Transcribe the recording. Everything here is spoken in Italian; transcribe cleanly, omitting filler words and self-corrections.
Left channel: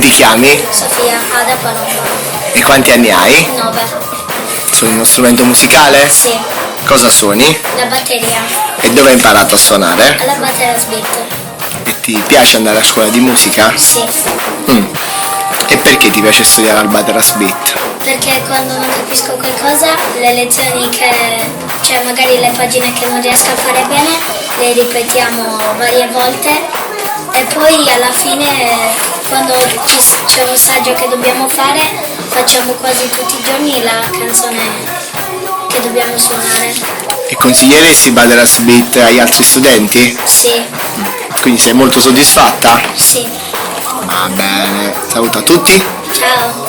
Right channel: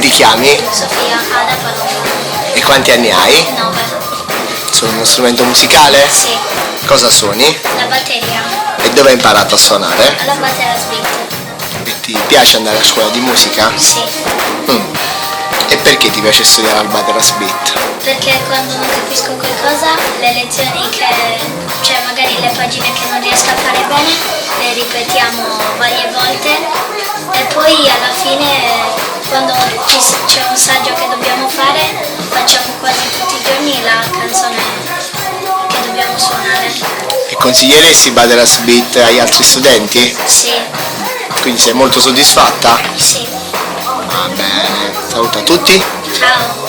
ti chiami? Sofia, da Paloma. E quanti anni hai? 9. Suoni uno strumento musicale? Sì. Cosa suoni? La batteria. E dove hai imparato a suonare? Alla Bateras Beat. Ti piace andare a scuola di musica? Sì. E perché ti piace studiare al Bateras Beat? Perché quando non capisco qualcosa, le lezioni cioè magari le pagine che non riesco a fare bene, le ripetiamo varie volte e poi alla fine quando c'è un saggio che dobbiamo fare, facciamo quasi tutti i giorni la canzone che dobbiamo suonare. E consiglieresti Bateras Beat agli altri studenti? Sì. Quindi sei molto soddisfatta? Sì. Saluto a tutti. Ciao.